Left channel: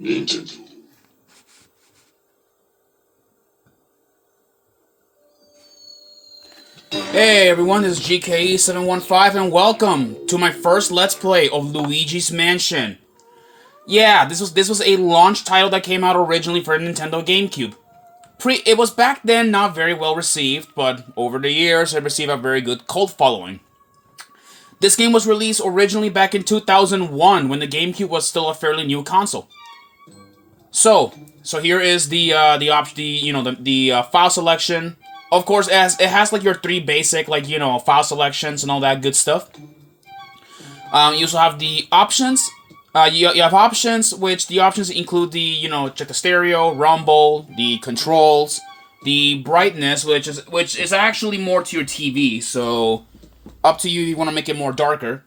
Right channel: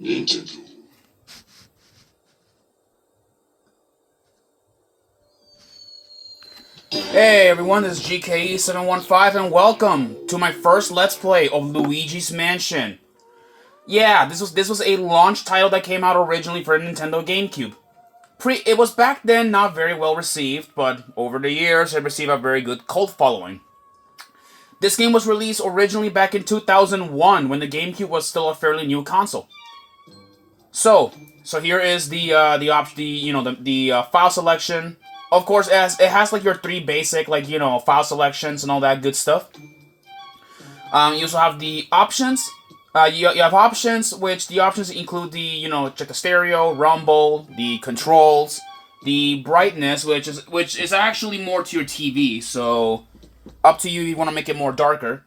Nintendo. Hey everyone, this is GKE715 and welcome to my first Let's Play of Luigi's Mansion. Yeah, this was a launch title that came out originally for Nintendo GameCube. It was back then not very well received, but over the years it received a very good cult following. This game was released originally back in 2001 when the GameCube was still a fairly new console. So here is the file selection. Of course, as it has like your three basic file selections and all that good stuff. You also have the options. You have options, which the options include check the stereo, rumble, the controls, the brightness, which is actually more to your TV. So up to you if you want to make it more darker.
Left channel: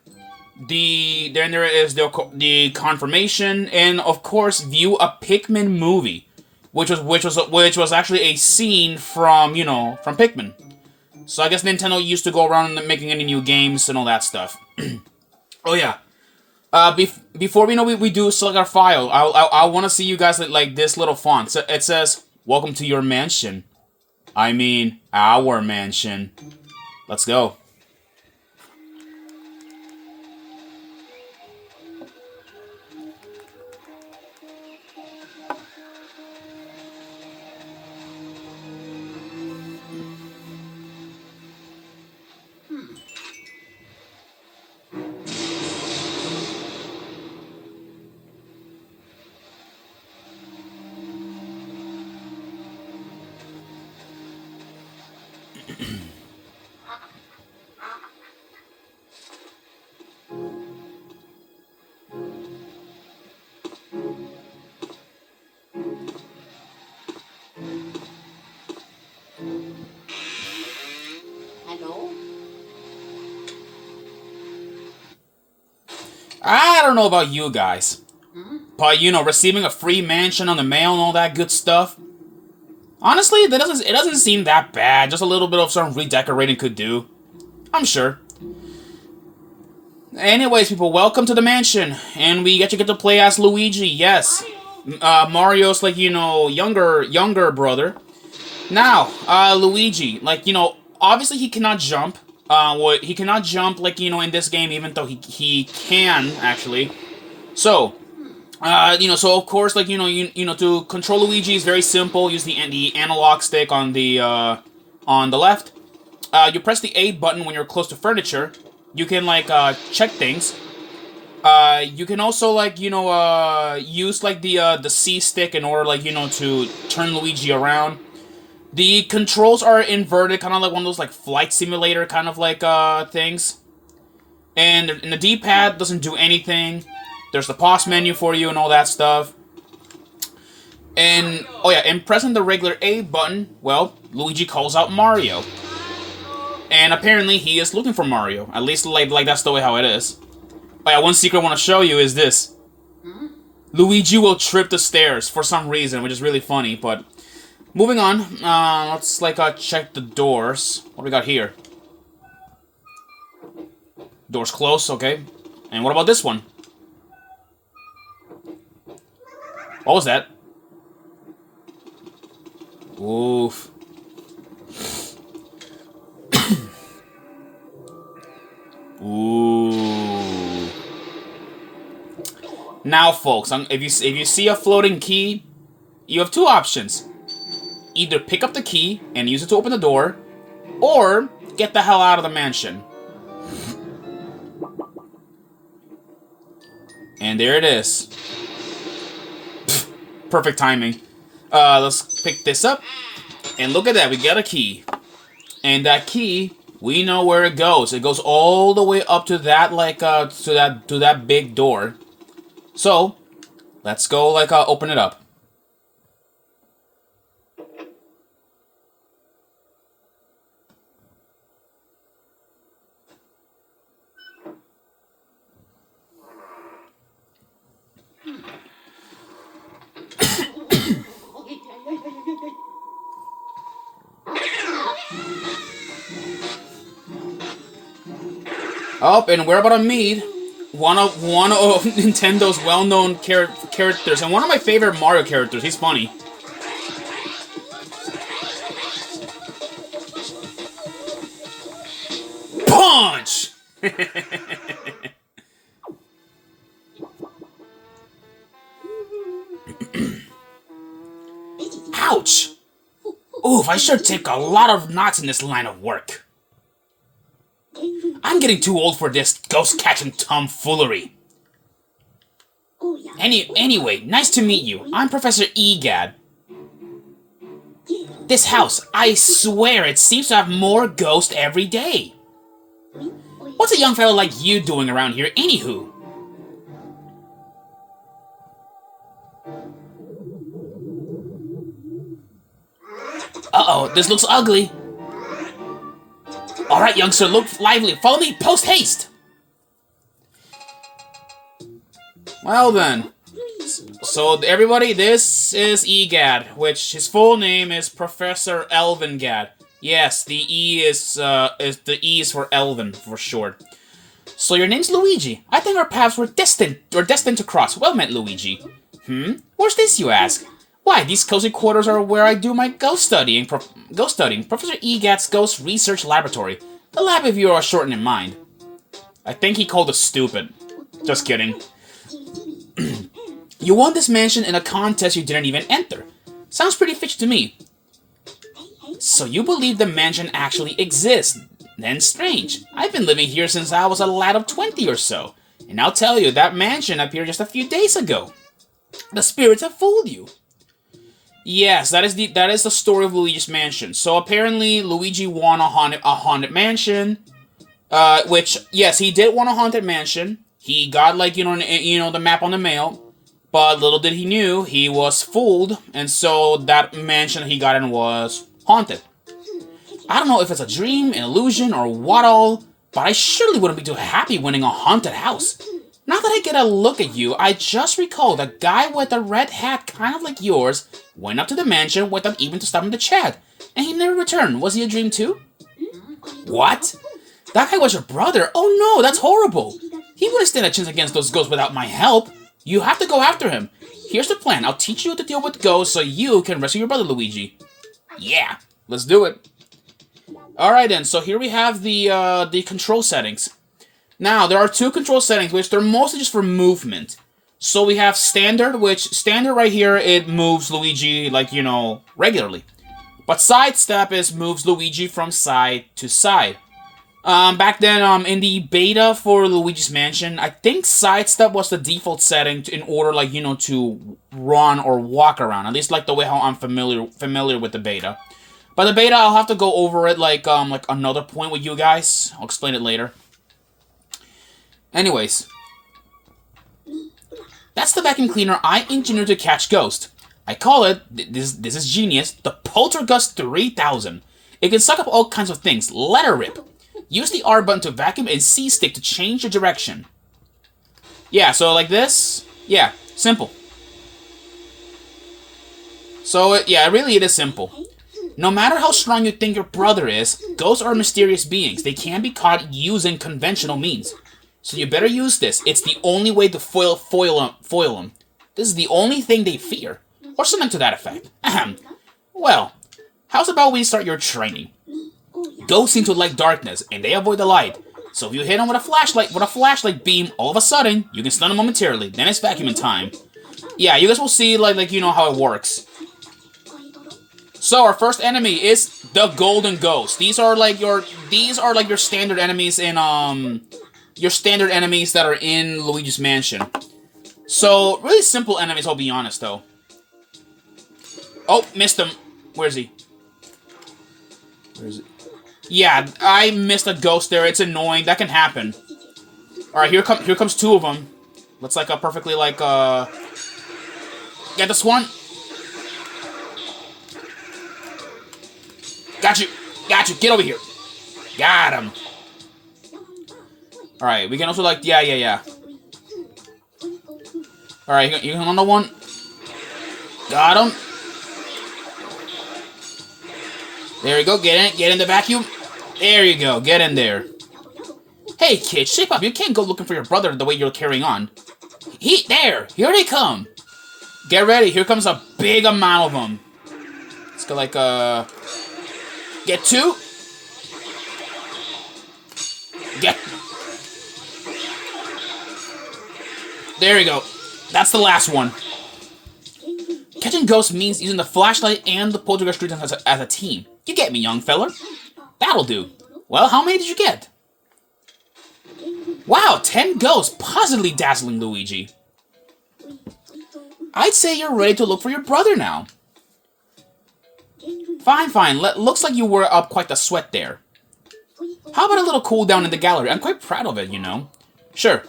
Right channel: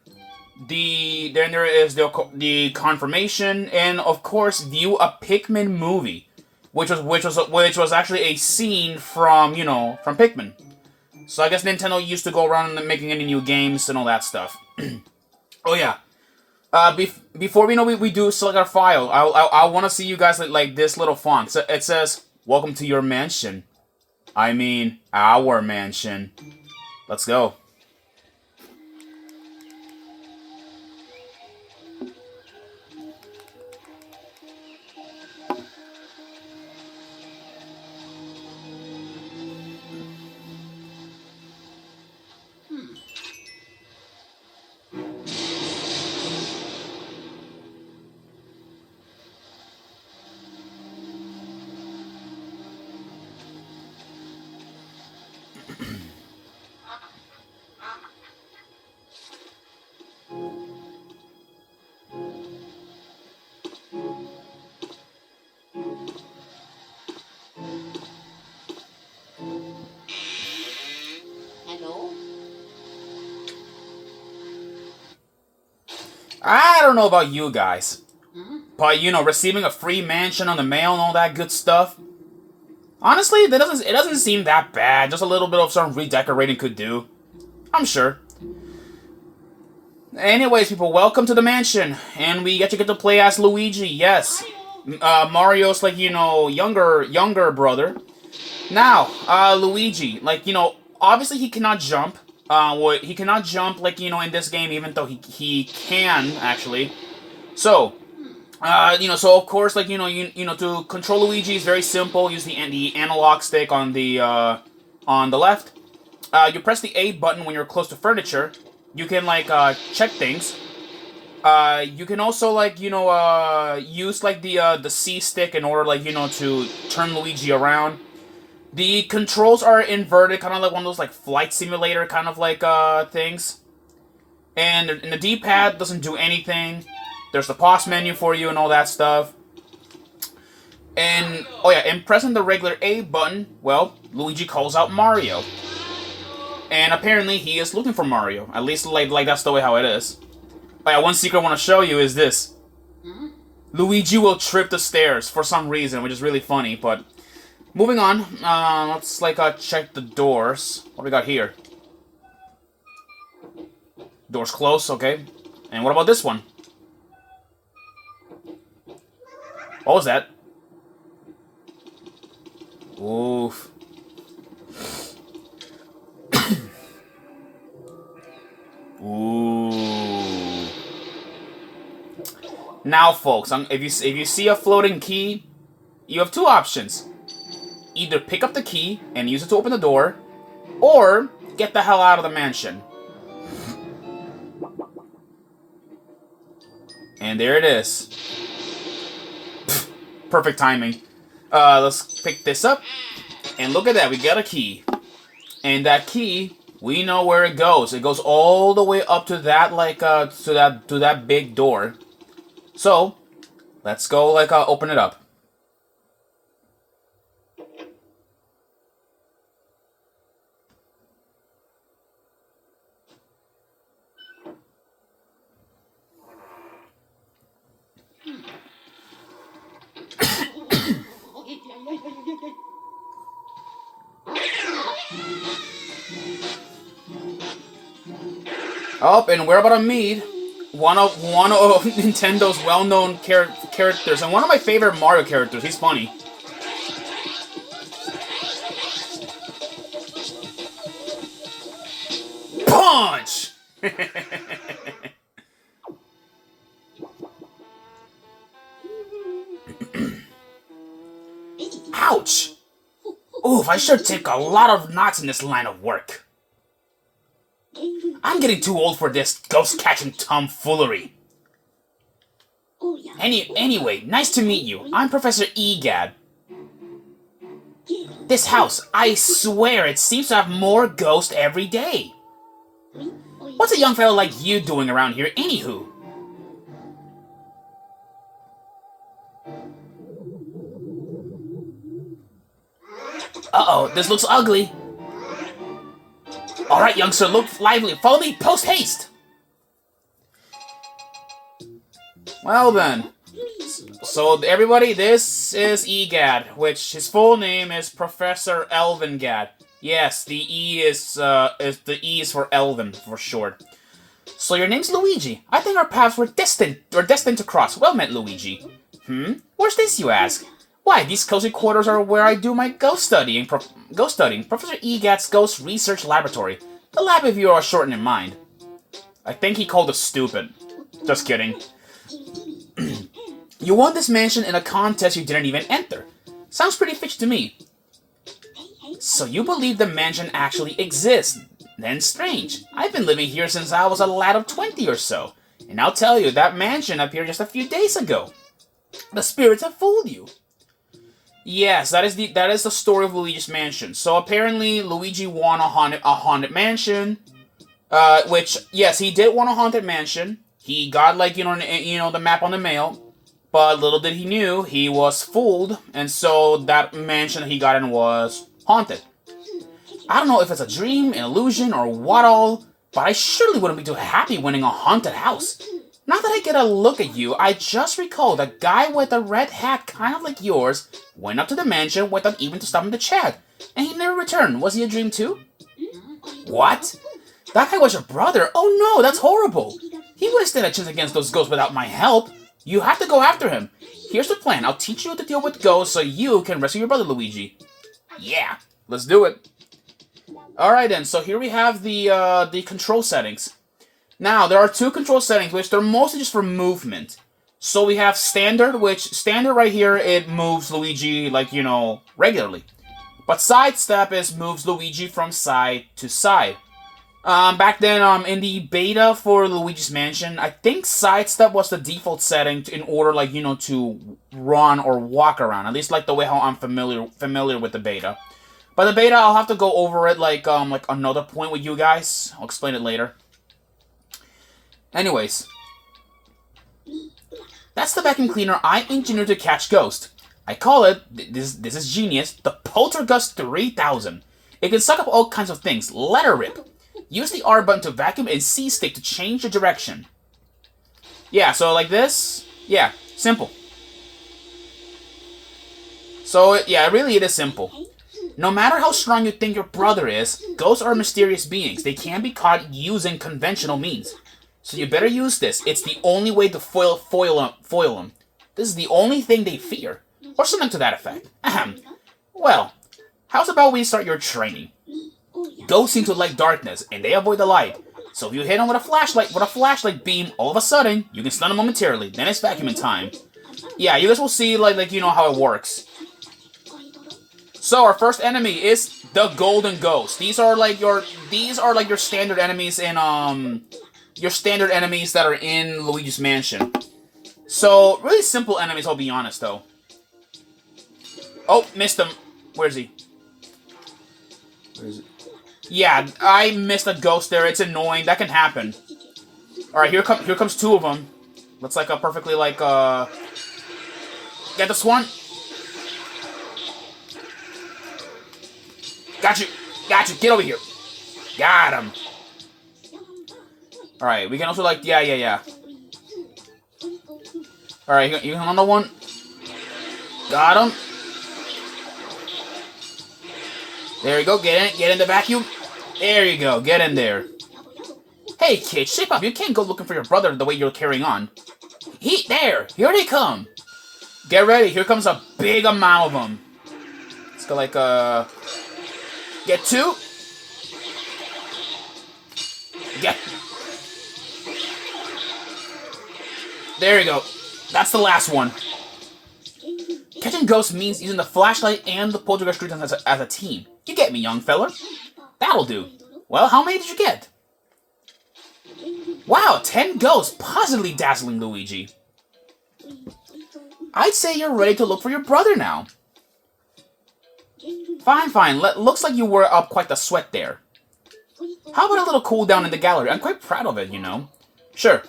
Then there is the confirmation, and of course view a Pikmin movie, which was actually a scene from Pikmin. So I guess Nintendo used to go around making any new games and all that stuff. Oh yeah. Before we do select our file, I want to see you guys like this little font. So it says, "Welcome to your mansion." I mean, our mansion. Let's go. Hello? I don't know about you guys, but receiving a free mansion on the mail and all that good stuff. Honestly, it doesn't seem that bad. Just a little bit of some redecorating could do. I'm sure. Anyways, people, welcome to the mansion, and we get to play as Luigi. Yes, Mario's younger brother. Now, Luigi, obviously he cannot jump. He cannot jump in this game, even though he can actually. So, so of course, to control Luigi is very simple. Use the analog stick on the left. You press the A button when you're close to furniture. You can check things. You can also use the C stick in order to turn Luigi around. The controls are inverted, kind of like one of those flight simulator kind of things. And the D-pad doesn't do anything. There's the pause menu for you and all that stuff. And oh yeah, and pressing the regular A button, well, Luigi calls out Mario. And apparently he is looking for Mario. At least like that's the way how it is. Oh yeah, one secret I want to show you is this. Luigi will trip the stairs for some reason, which is really funny, but moving on, let's check the doors. What do we got here? Doors closed, okay. And what about this one? What was that? Oof. Ooh. Now, folks, if you see a floating key, you have two options. Either pick up the key and use it to open the door, or get the hell out of the mansion. And there it is. Perfect timing. Let's pick this up, and look at that, we got a key. And that key, we know where it goes. It goes all the way up to that to that big door. So, let's go open it up. Oh, and we're about to meet one of Nintendo's well-known characters, and one of my favorite Mario characters. He's funny. Punch! Ouch! Oof, I sure take a lot of knocks in this line of work. I'm getting too old for this ghost-catching tomfoolery. Anyway, nice to meet you. I'm Professor Egad. This house, I swear it seems to have more ghosts every day. What's a young fellow like you doing around here, anywho? Uh-oh, this looks ugly. Alright, youngster, look lively. Follow me, post-haste! Well then. So, everybody, this is Egad, which his full name is Professor Elvingad. Yes, the E is for Elven, for short. So your name's Luigi. I think our paths were destined to cross. Well met, Luigi. Where's this, you ask? Why, these cozy quarters are where I do my ghost studying. Professor Egad's Ghost Research Laboratory. The lab if you are shortened in mind. I think he called us stupid. Just kidding. You won this mansion in a contest you didn't even enter. Sounds pretty fishy to me. So you believe the mansion actually exists? Then strange. I've been living here since I was a lad of 20 or so. And I'll tell you, that mansion appeared just a few days ago. The spirits have fooled you. Yes, that is the story of Luigi's Mansion. So apparently Luigi won a haunted mansion. Which, yes, he did want a haunted mansion. He got, like, the map on the mail. But little did he knew, he was fooled, and so that mansion he got in was haunted. I don't know if it's a dream, an illusion, or what all, but I surely wouldn't be too happy winning a haunted house. Now that I get a look at you, I just recalled a guy with a red hat kind of like yours went up to the mansion without even stopping to chat, and he never returned. Was he a dream too? What? That guy was your brother? Oh no, that's horrible. He wouldn't stand a chance against those ghosts without my help. You have to go after him. Here's the plan. I'll teach you how to deal with ghosts so you can rescue your brother, Luigi. Yeah, let's do it. Alright then, so here we have the control settings. Now, there are two control settings, which they're mostly just for movement. So we have standard, which standard right here, it moves Luigi, like, regularly. But sidestep moves Luigi from side to side. Back then, in the beta for Luigi's Mansion, I think sidestep was the default setting in order, like, to run or walk around. At least, like, the way how I'm familiar with the beta. But the beta, I'll have to go over it, like another point with you guys. I'll explain it later. Anyways. That's the vacuum cleaner I engineered to catch ghosts. I call it, this is genius, the Poltergust 3000. It can suck up all kinds of things. Let her rip. Use the R button to vacuum and C stick to change the direction. Yeah, so like this. Yeah, simple. So, yeah, really it is simple. No matter how strong you think your brother is, ghosts are mysterious beings. They can't be caught using conventional means. So you better use this. It's the only way to foil them. This is the only thing they fear. Or something to that effect. Ahem. Well, how's about we start your training? Ghosts seem to like darkness, and they avoid the light. So if you hit them with a flashlight beam, all of a sudden, you can stun them momentarily. Then it's vacuuming time. Yeah, you guys will see like how it works. So our first enemy is the Golden Ghost. These are like your standard enemies in that are in Luigi's Mansion. So really simple enemies, I'll be honest though. Oh, missed him. Where is he? Where is it? Yeah, I missed a ghost there. It's annoying. That can happen. All right, here comes two of them. Looks like a perfectly get this one. Got you. Get over here. Got him. All right, we can also yeah. All right, you on the one. Got him. There you go. Get in the vacuum. There you go. Get in there. Hey, kid, shape up. You can't go looking for your brother the way you're carrying on. There! Here they come! Get ready. Here comes a big amount of them. Let's go like, Get 2. Get... There you go. That's the last one. Catching ghosts means using the flashlight and the poltergeist street as a team. You get me, young feller. That'll do. Well, how many did you get? Wow, 10 ghosts. Positively dazzling, Luigi. I'd say you're ready to look for your brother now. Fine, fine. Looks like you were up quite the sweat there. How about a little cool down in the gallery? I'm quite proud of it, you know. Sure.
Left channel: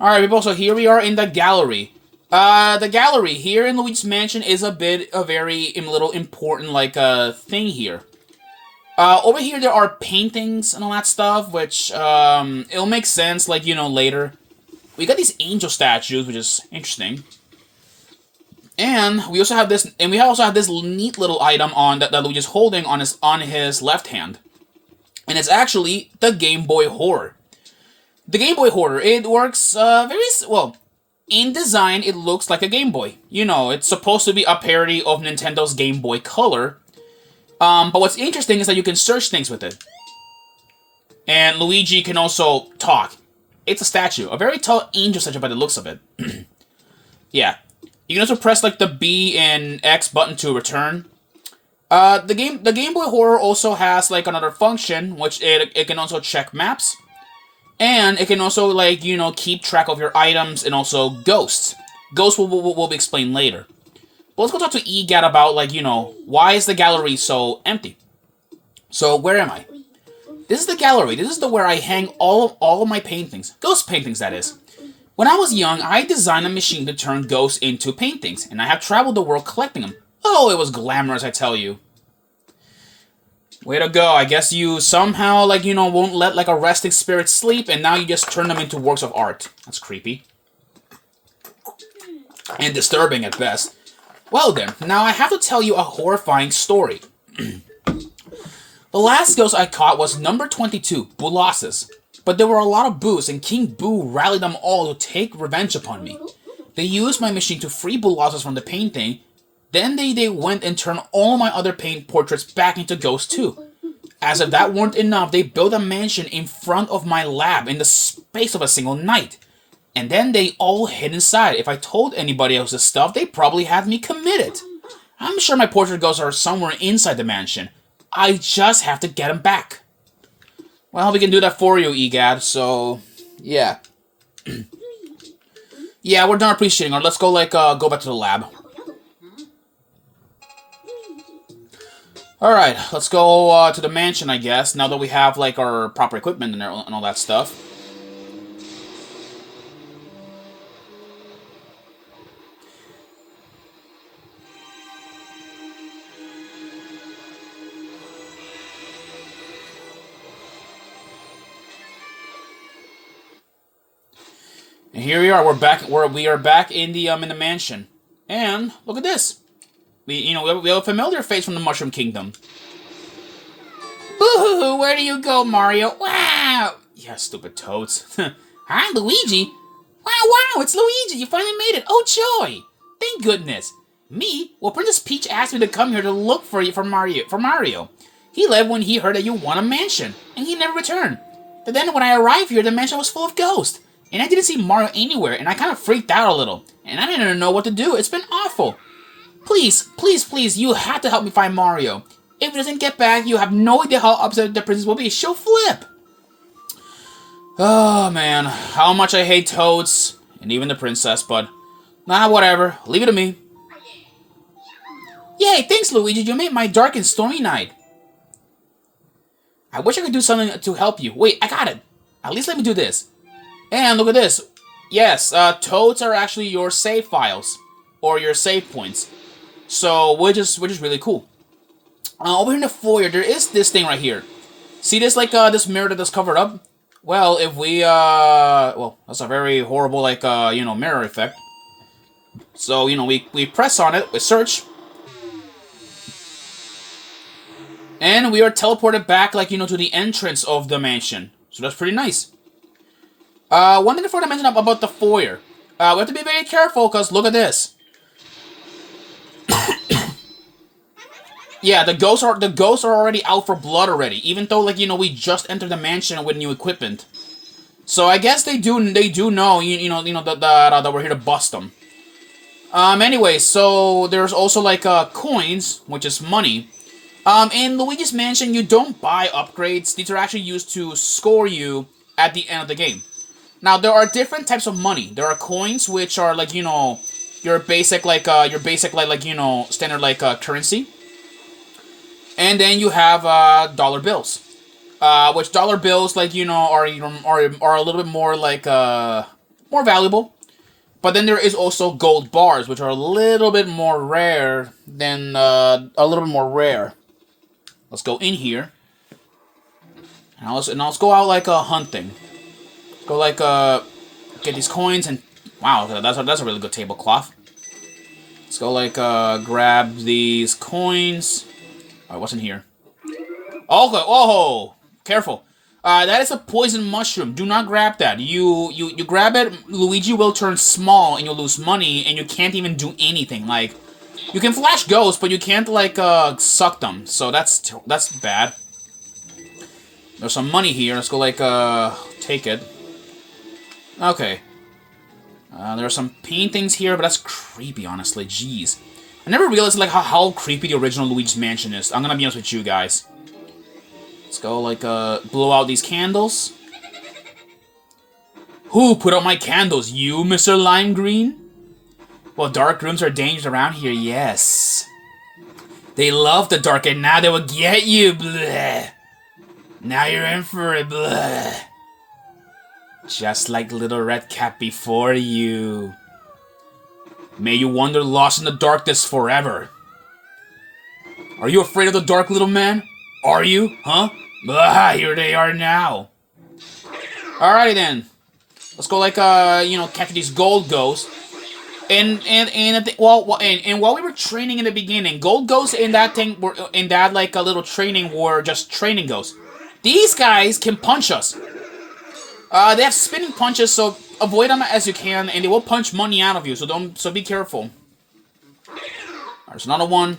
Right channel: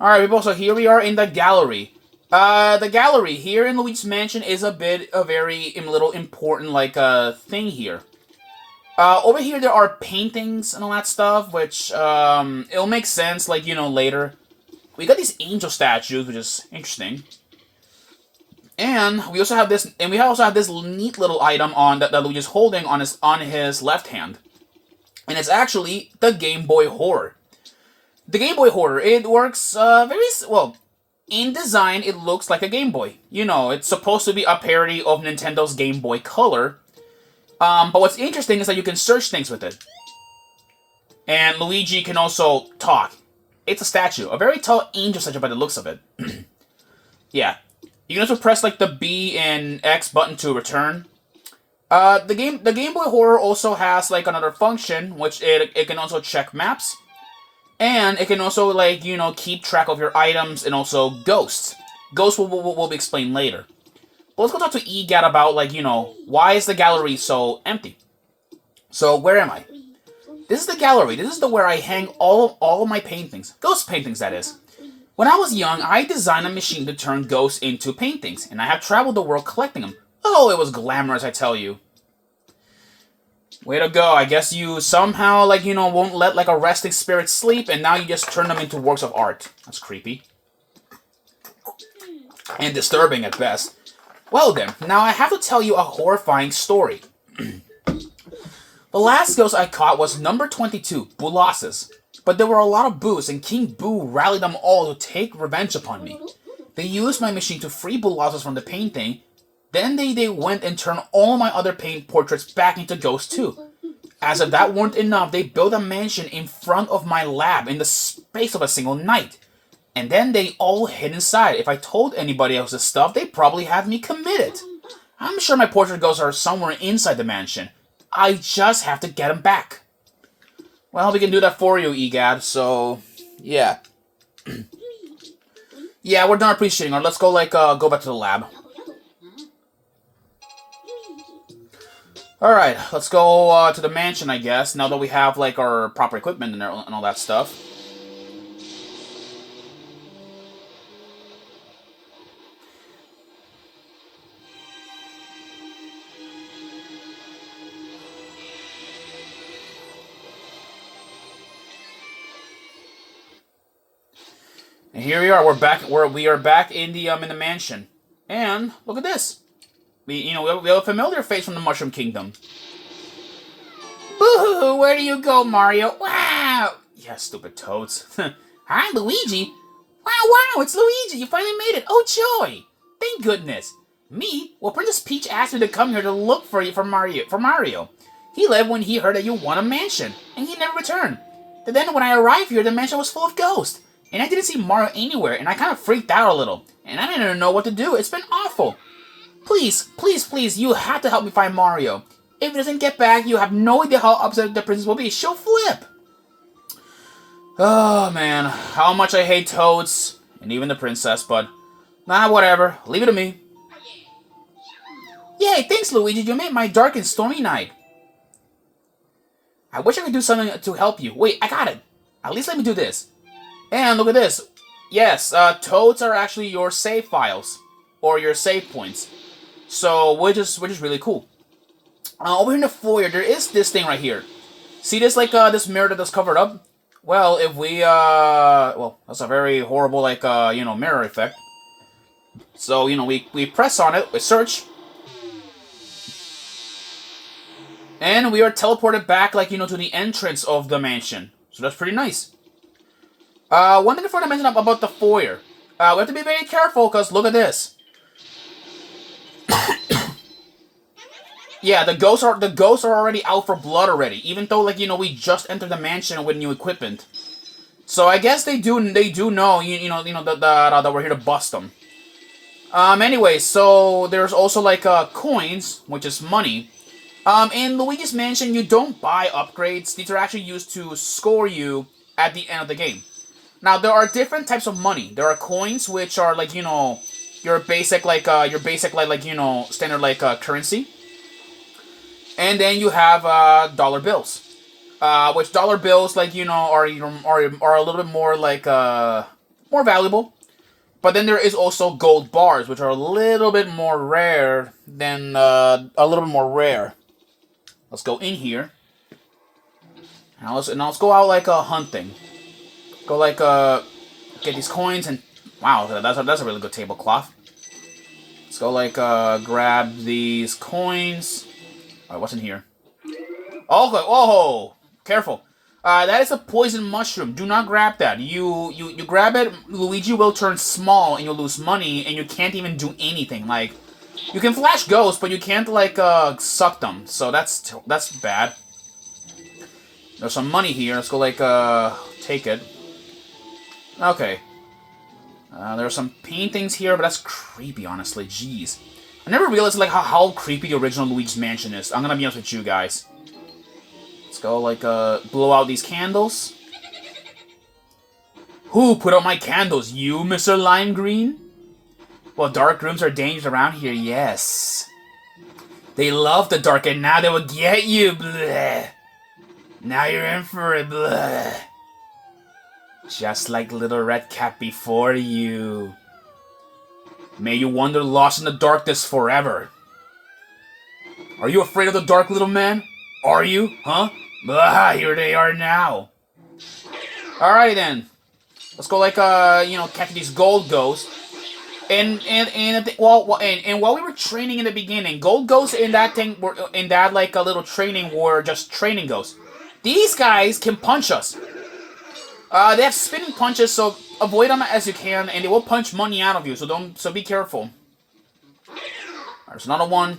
Alright, people, so here we are in the gallery. The gallery here in Luigi's Mansion is a very little important, like, thing here. Over here there are paintings and all that stuff, which, it'll make sense, like, you know, later. We got these angel statues, which is interesting. And we also have this, neat little item that Luigi's holding on his left hand. And it's actually the Game Boy Horror. The Game Boy Horror, it works, well, in design, it looks like a Game Boy. You know, it's supposed to be a parody of Nintendo's Game Boy Color. But what's interesting is that you can search things with it. And Luigi can also talk. It's a statue. A very tall angel statue by the looks of it. Yeah. You can also press, like, the B and X button to return. The Game Boy Horror also has, like, another function, which it can also check maps. And it can also, like, you know, keep track of your items and also ghosts. Ghosts will be explained later. But let's go talk to EGAT about, like, you know, why is the gallery so empty? So, where am I? This is the gallery. This is where I hang all of my paintings. Ghost paintings, that is. When I was young, I designed a machine to turn ghosts into paintings. And I have traveled the world collecting them. Oh, it was glamorous, I tell you. Way to go. I guess you somehow, like, you know, won't let, like, a resting spirit sleep, and now you just turn them into works of art. That's creepy. And disturbing at best. Well then, now I have to tell you a horrifying story. The last ghost I caught was number 22, Boolossus. But there were a lot of Boos, and King Boo rallied them all to take revenge upon me. They used my machine to free Boolossus from the painting. Then they went and turned all my other paint portraits back into ghosts too. As if that weren't enough, they built a mansion in front of my lab in the space of a single night. And then they all hid inside. If I told anybody else this stuff, they'd probably have me committed. I'm sure my portrait ghosts are somewhere inside the mansion. I just have to get them back. Well, we can do that for you, EGAD, so... yeah. Yeah, we're done appreciating her. Let's go, like, go back to the lab. Alright, let's go to the mansion, I guess, now that we have, like, our proper equipment and all that stuff. And here we are. We are back in the mansion. And look at this. We have a familiar face from the Mushroom Kingdom. Boo-hoo! Where do you go, Mario? Wow! Yeah, stupid toads. Hi, Luigi. Wow! It's Luigi. You finally made it. Oh, joy! Thank goodness. Me? Well, Princess Peach asked me to come here to look for you for Mario. He left when he heard that you won a mansion, and he never returned. But then when I arrived here, the mansion was full of ghosts. And I didn't see Mario anywhere, and I kind of freaked out a little. And I didn't know what to do. It's been awful. Please, you have to help me find Mario. If he doesn't get back, you have no idea how upset the princess will be. She'll flip. Oh, man. How much I hate toads. And even the princess, but... nah, whatever. Leave it to me. Yay, thanks, Luigi. You made my dark and stormy night. I wish I could do something to help you. Wait, I got it. At least let me do this. And look at this. Yes, toads are actually your save files. Or your save points. So, which is really cool. Over in the foyer, there is this thing right here. See this, like, this mirror that's covered up? Well, if we, well, that's a very horrible, like, mirror effect. So, we press on it, we search. And we are teleported back, like, to the entrance of the mansion. So that's pretty nice. One thing before I mention about the foyer. We have to be very careful, because look at this. Yeah, the ghosts are already out for blood already. Even though, like, we just entered the mansion with new equipment. So I guess they do know, that we're here to bust them. Anyway, so there's also, like, coins, which is money. In Luigi's Mansion, you don't buy upgrades. These are actually used to score you at the end of the game. Now, there are different types of money. There are coins, which are, like, your basic, like, standard, like, currency. And then you have, dollar bills. Which dollar bills, like, are a little bit more, like, more valuable. But then there is also gold bars, which are a little bit more rare than, Let's go in here. And let's go out, like, hunting. Go, like, get these coins and... Wow, that's a really good tablecloth. Let's go, like, grab these coins. Alright, what's in here? Okay, oh! Careful. That is a poison mushroom. Do not grab that. You grab it, Luigi will turn small and you'll lose money and you can't even do anything. Like, you can flash ghosts, but you can't, like, suck them. So that's bad. There's some money here. Let's go, like, take it. Okay. There are some paintings here, but that's creepy, honestly. Jeez. I never realized, like, how creepy the original Luigi's Mansion is. I'm gonna be honest with you guys. Let's go, like, blow out these candles. Who put out my candles? You, Mr. Lime Green? Well, dark rooms are dangerous around here, yes. They love the dark, and now they will get you, bleh. Now you're in for it, bleh. Just like Little Red Cap before you. May you wander lost in the darkness forever. Are you afraid of the dark, little man? Are you? Huh? Blah, here they are now. Alrighty then. Let's go, like, catch these gold ghosts. And while we were training in the beginning, gold ghosts in that like a little training were just training ghosts. These guys can punch us. They have spinning punches, so avoid them as you can, and they will punch money out of you. So be careful. There's another one.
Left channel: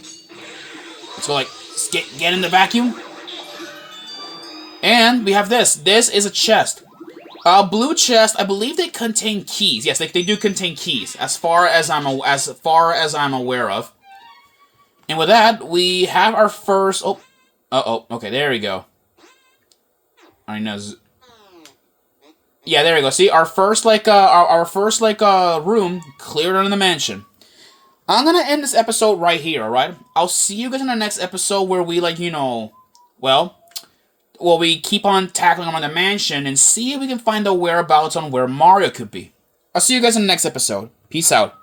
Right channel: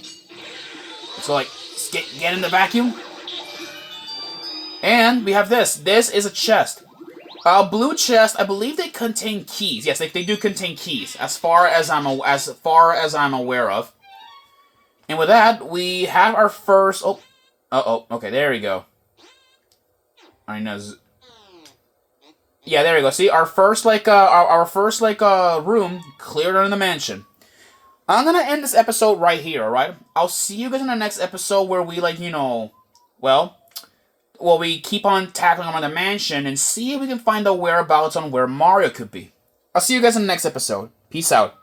Let's go, like, get in the vacuum. And we have this. This is a chest. Blue chest. I believe they contain keys. Yes, they do contain keys, as far as I'm aware of. And with that, we have our first. Oh, okay, there we go. I mean, yeah, there we go. See, our first room cleared in the mansion. I'm gonna end this episode right here. All right. I'll see you guys in our next episode where we, like, we keep on tackling around the mansion and see if we can find the whereabouts on where Mario could be. I'll see you guys in the next episode. Peace out.